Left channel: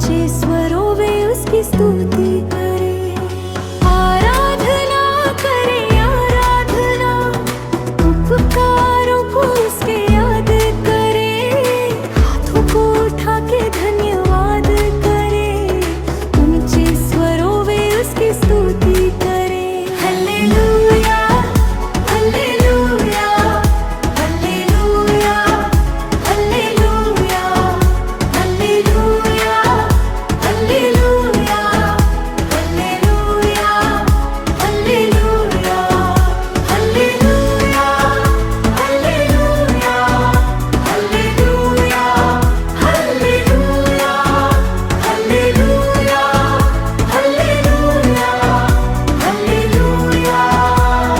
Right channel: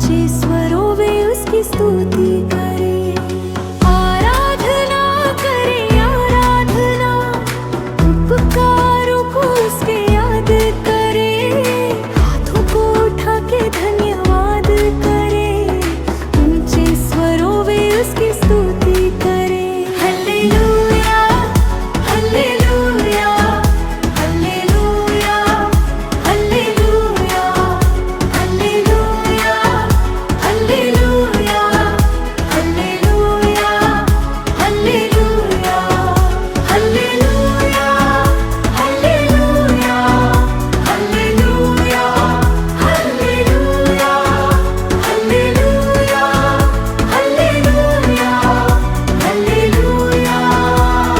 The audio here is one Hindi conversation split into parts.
ऊंचे स्वरों में उसकी स्तुति करे। आराधना करे आराधना, उपकारों को उसके याद करे। हाथों को उठा के धन्यवाद करे, ऊंचे स्वरों में उसकी स्तुति करे। Hallelujah hallelujah hallelujah hallelujah hallelujah hallelujah hallelujah hallelujah hallelujah hallelujah hallelujah hallelujah hallelujah hallelujah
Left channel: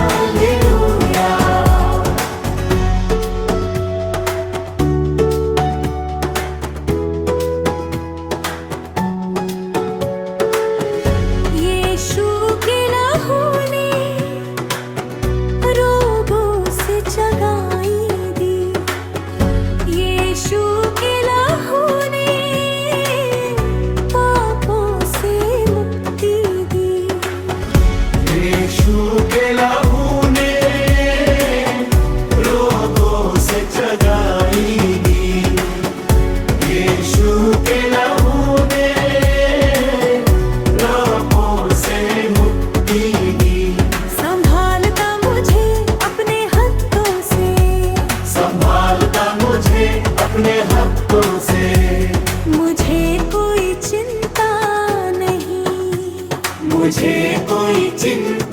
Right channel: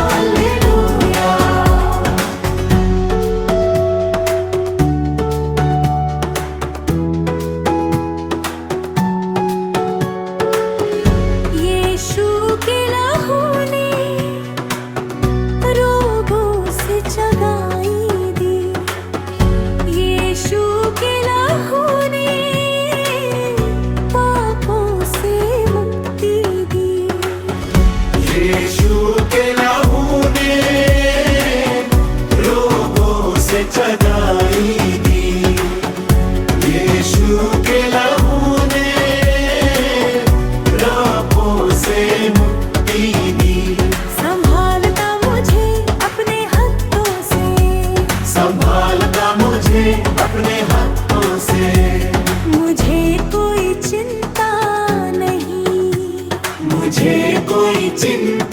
hallelujah. Yeshu के लहू ने रोगों से जगाई दी। यीशु के लहू ने पापों से मुक्ति दी। यीशु के लहू ने रोगों से जगाई दी। यीशु के लहू ने रोगों से मुक्ति दी। संभालता मुझे अपने हाथों से, संभालता मुझे अपने हाथों से। मुझे कोई चिंता नहीं, मुझे कोई चिंता